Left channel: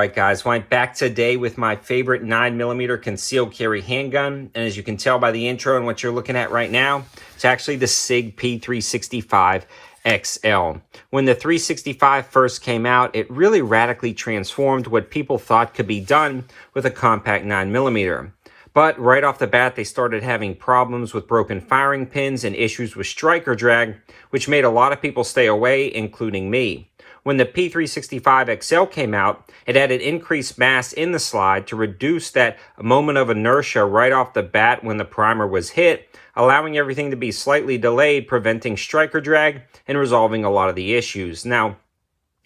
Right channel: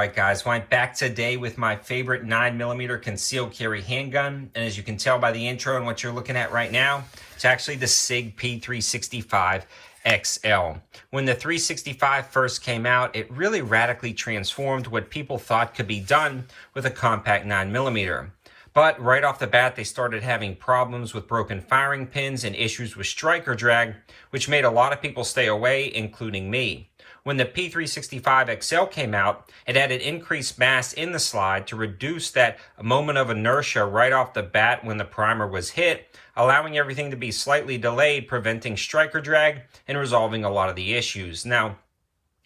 right, guys, well, I'm back today with my favorite 9mm concealed carry handgun. And as you can tell by the intro and what you're looking at right now, it's actually the SIG P365 XL. When the 365 first came out, it really radically transformed what people thought could be done with a compact 9mm. But right off the bat, they started having problems with broken firing pins and issues with striker drag, which made a lot of people stay away, including me. When the P365 XL came out, it added increased mass in the slide to reduce that moment of inertia right off the bat when the primer was hit, allowing everything to be slightly delayed, preventing striker drag and resolving a lot of the issues. Now,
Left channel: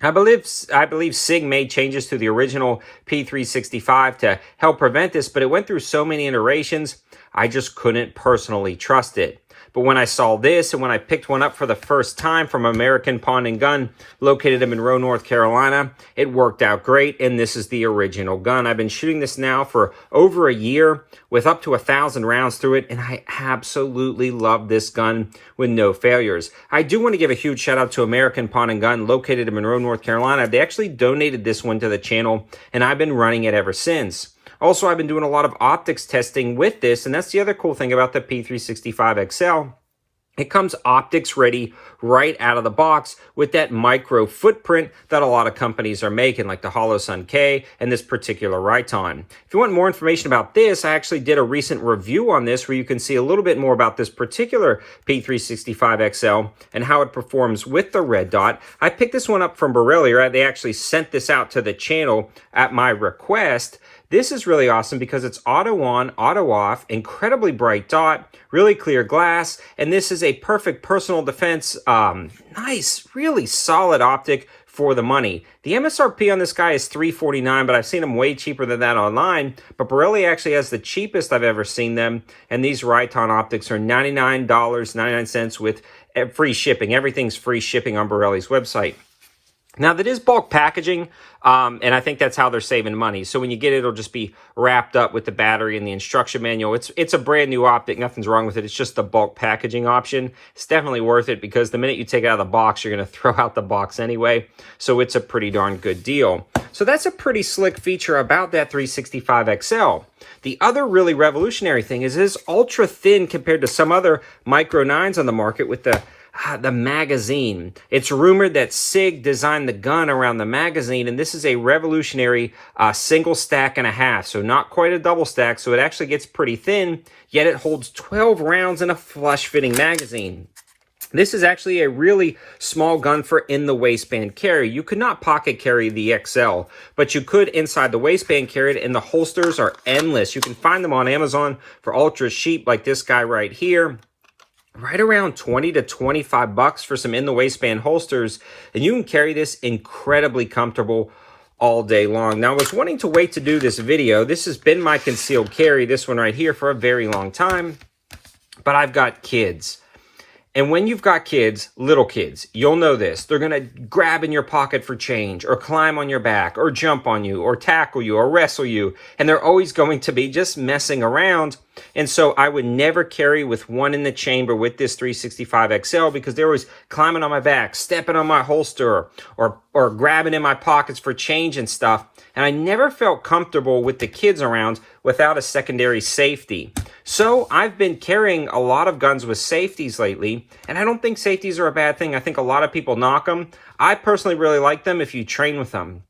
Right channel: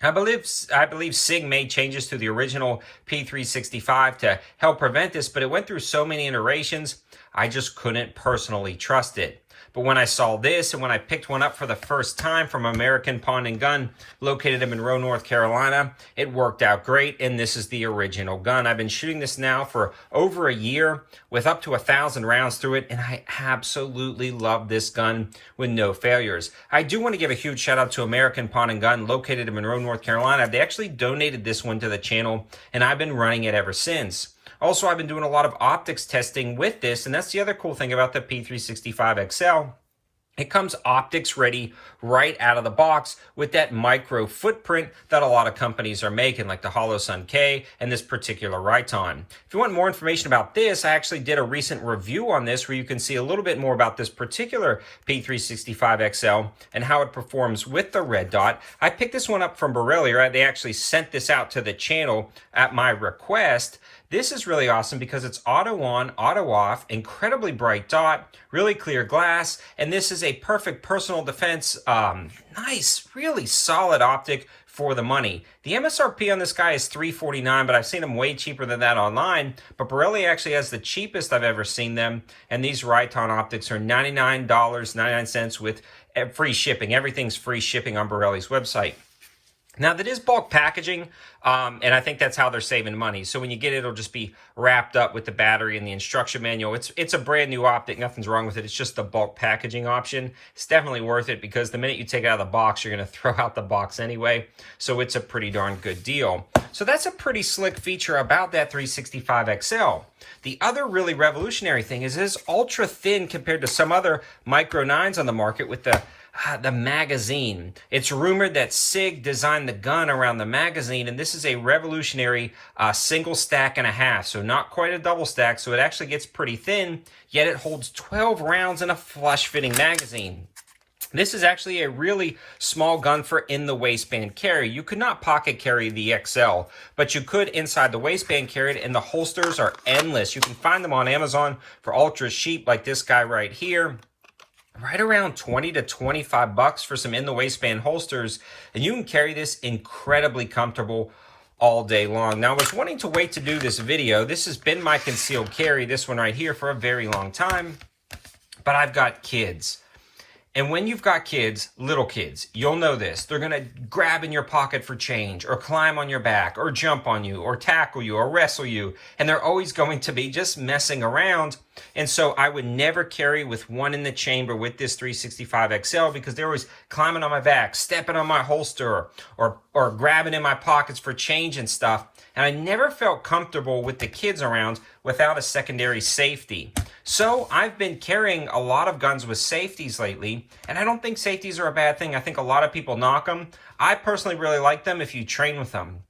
I believe SIG made changes to the original P365 to help prevent this, but it went through so many iterations, I just couldn't personally trust it. But when I saw this and when I picked one up for the first time from American Pawn & Gun, located in Monroe, North Carolina, it worked out great, and this is the original gun. I've been shooting this now for over a year with up to 1,000 rounds through it, and I absolutely love this gun with no failures. I do want to give a huge shout out to American Pawn & Gun, located in Monroe, North Carolina. They actually donated this one to the channel, and I've been running it ever since. Also, I've been doing a lot of optics testing with this, and that's the other cool thing about the P365 XL. It comes optics ready right out of the box with that micro footprint that a lot of companies are making, like the Holosun K and this particular Riton. If you want more information about this, I actually did a recent review on this where you can see a little bit more about this particular P365 XL and how it performs with the red dot. I picked this one up from Borrelia. They actually sent this out to the channel at my request. This is really awesome because it's auto on, auto off, incredibly bright dot, really clear glass, and this is a perfect personal defense, nice, really solid optic for the money. The MSRP on this guy is $349, but I've seen them way cheaper than that online. But Borrelia actually has the cheapest I've ever seen them, and these Riton optics are $99.99 with free shipping. Everything's free shipping on Borrelia's website. Now, that is bulk packaging, and I think that's how they're saving money. So when you get it, it'll just be wrapped up with the battery and the instruction manual. It's a brand new optic. Nothing's wrong with it. It's just the bulk packaging option. It's definitely worth it because the minute you take it out of the box, you're going to throw out the box anyway. So it's a pretty darn good deal. So that's a pretty slick feature about that 365 XL. The other really revolutionary thing is it's ultra thin compared to some other Micro 9s on the market with the magazine. It's rumored that SIG designed the gun around the magazine, and this is a revolutionary single stack and a half, so not quite a double stack, so it actually gets pretty thin, yet it holds 12 rounds in a flush-fitting magazine. This is actually a really small gun for in the waistband carry. You could not pocket carry the XL, but you could inside the waistband carry it, and the holsters are endless. You can find them on Amazon for ultra cheap, like this guy right here. Right around 20 to 25 bucks for some in the waistband holsters, and you can carry this incredibly comfortable all day long. Now, I was wanting to wait to do this video. This has been my concealed carry, this one right here, for a very long time, but I've got kids. And when you've got kids, little kids, you'll know this. They're going to grab in your pocket for change or climb on your back or jump on you or tackle you or wrestle you. And they're always going to be just messing around. And so I would never carry with one in the chamber with this 365 XL because they're always climbing on my back, stepping on my holster or grabbing in my pockets for change and stuff. And I never felt comfortable with the kids around without a secondary safety. So I've been carrying a lot of guns with safeties lately, and I don't think safeties are a bad thing. I think a lot of people knock them. I personally really like them if you train with them.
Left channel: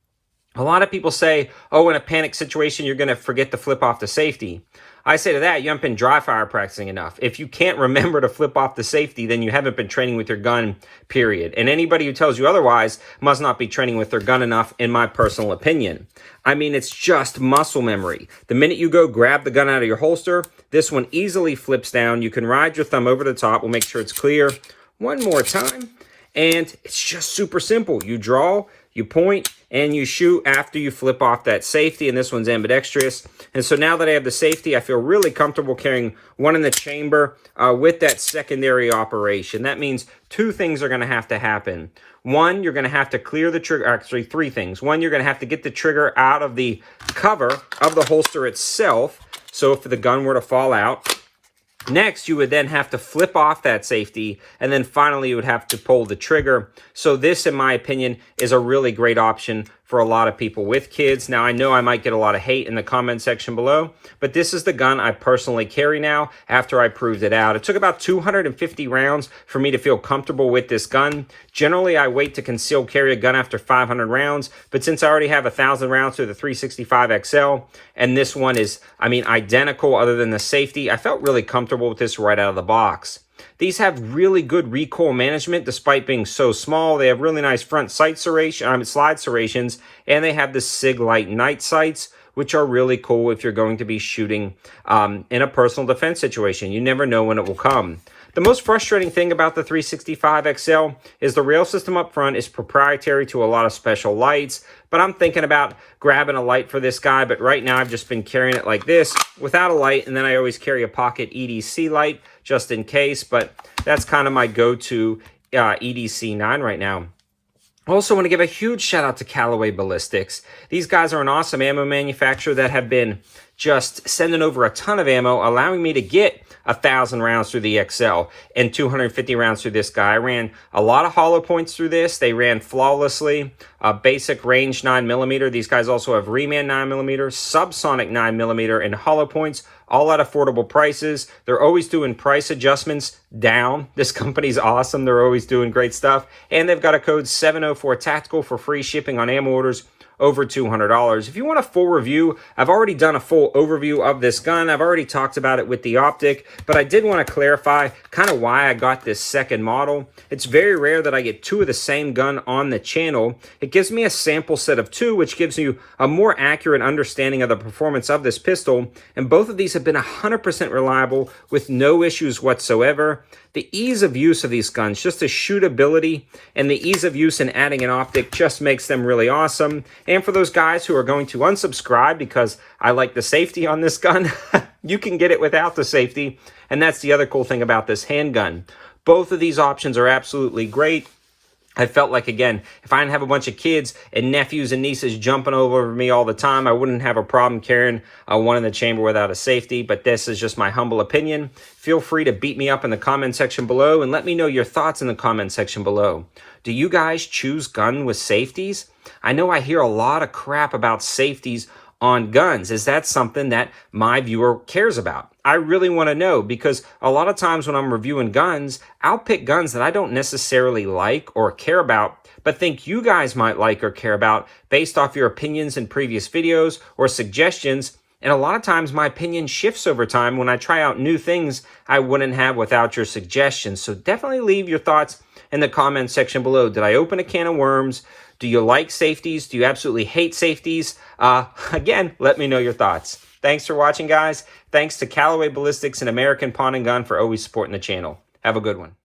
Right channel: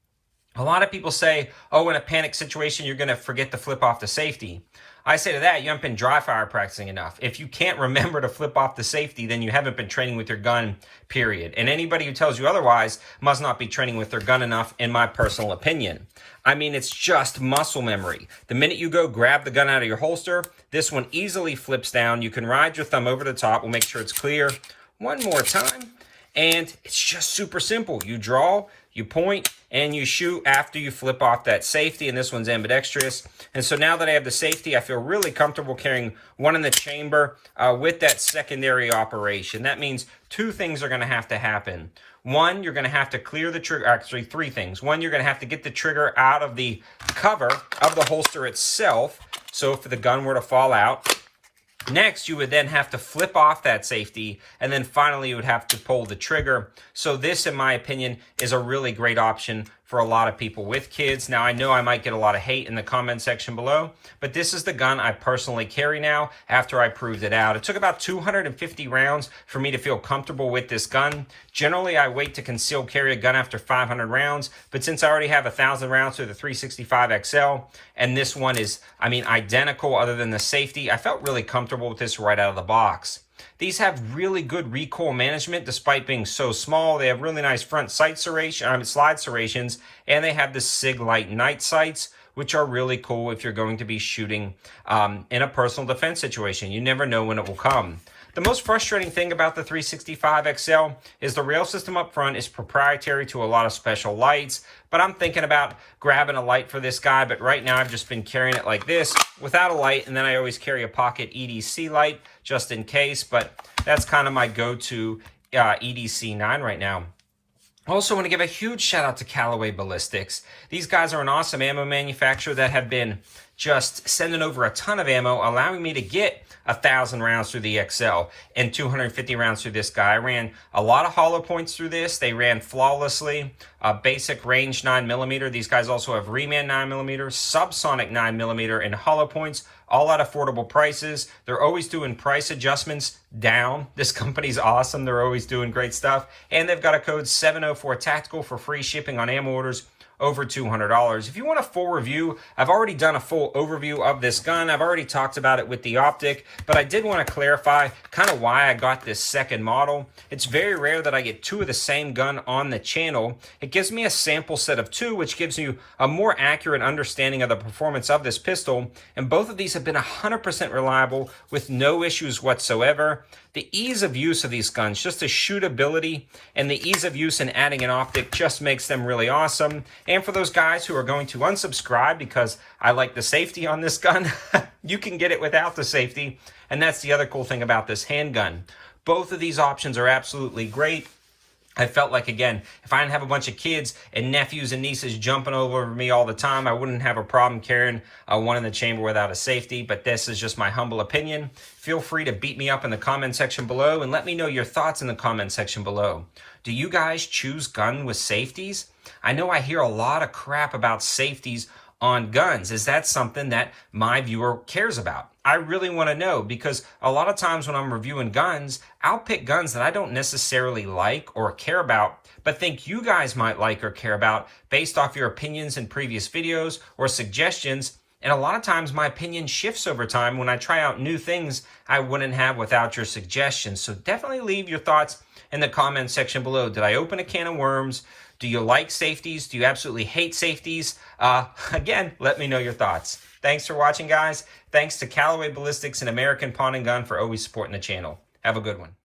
A lot of people say, oh, in a panic situation, you're going to forget to flip off the safety. I say to that, you haven't been dry fire practicing enough. If you can't remember to flip off the safety, then you haven't been training with your gun, period. And anybody who tells you otherwise must not be training with their gun enough, in my personal opinion. I mean, it's just muscle memory. The minute you go grab the gun out of your holster, this one easily flips down. You can ride your thumb over the top. We'll make sure it's clear one more time. And it's just super simple. You draw, you point, and you shoot after you flip off that safety, and this one's ambidextrous. And so now that I have the safety, I feel really comfortable carrying one in the chamber with that secondary operation. That means two things are going to have to happen. One, you're going to have to clear the trigger. Actually, three things. One, you're going to have to get the trigger out of the cover of the holster itself. So if the gun were to fall out, next, you would then have to flip off that safety, and then finally you would have to pull the trigger. So this, in my opinion, is a really great option for a lot of people with kids. Now, I know I might get a lot of hate in the comment section below, but this is the gun I personally carry now after I proved it out. It took about 250 rounds for me to feel comfortable with this gun. Generally, I wait to conceal carry a gun after 500 rounds, but since I already have 1,000 rounds through the 365 XL, and this one is, I mean, identical other than the safety, I felt really comfortable with this right out of the box. These have really good recoil management despite being so small. They have really nice front sight slide serrations, and they have the SIG Light night sights, which are really cool if you're going to be shooting in a personal defense situation. You never know when it will come. The most frustrating thing about the 365 XL is the rail system up front is proprietary to a lot of special lights, but I'm thinking about grabbing a light for this guy, but right now I've just been carrying it like this without a light, and then I always carry a pocket EDC light just in case, but that's kind of my go-to EDC 9 right now. I also want to give a huge shout out to Callaway Ballistics. These guys are an awesome ammo manufacturer that have been just sending over a ton of ammo, allowing me to get 1,000 rounds through the XL and 250 rounds through this guy. I ran a lot of hollow points through this. They ran flawlessly. Basic range 9mm. These guys also have reman 9mm, subsonic 9mm, and hollow points, all at affordable prices. They're always doing price adjustments down. This company's awesome. They're always doing great stuff. And they've got a code 704 Tactical for free shipping on ammo orders over $200. If you want a full review, I've already done a full overview of this gun. I've already talked about it with the optic, but I did want to clarify kind of why I got this second model. It's very rare that I get two of the same gun on the channel. It gives me a sample set of two, which gives you a more accurate understanding of the performance of this pistol, and both of these have been 100% reliable with no issues whatsoever. The ease of use of these guns, just the shootability and the ease of use in adding an optic just makes them really awesome. And for those guys who are going to unsubscribe because I like the safety on this gun, you can get it without the safety. And that's the other cool thing about this handgun. Both of these options are absolutely great. I felt like, again, if I didn't have a bunch of kids and nephews and nieces jumping over me all the time, I wouldn't have a problem carrying one in the chamber without a safety, but this is just my humble opinion. Feel free to beat me up in the comment section below and let me know your thoughts in the comment section below. Do you guys choose gun with safeties? I know I hear a lot of crap about safeties on guns. Is that something that my viewer cares about? I really want to know, because a lot of times when I'm reviewing guns, I'll pick guns that I don't necessarily like or care about, but think you guys might like or care about based off your opinions in previous videos or suggestions. And a lot of times my opinion shifts over time when I try out new things I wouldn't have without your suggestions. So definitely leave your thoughts in the comment section below. Did I open a can of worms? Do you like safeties? Do you absolutely hate safeties? Again, let me know your thoughts. Thanks for watching, guys. Thanks to Callaway Ballistics and American Pawn and Gun for always supporting the channel. Have a good one.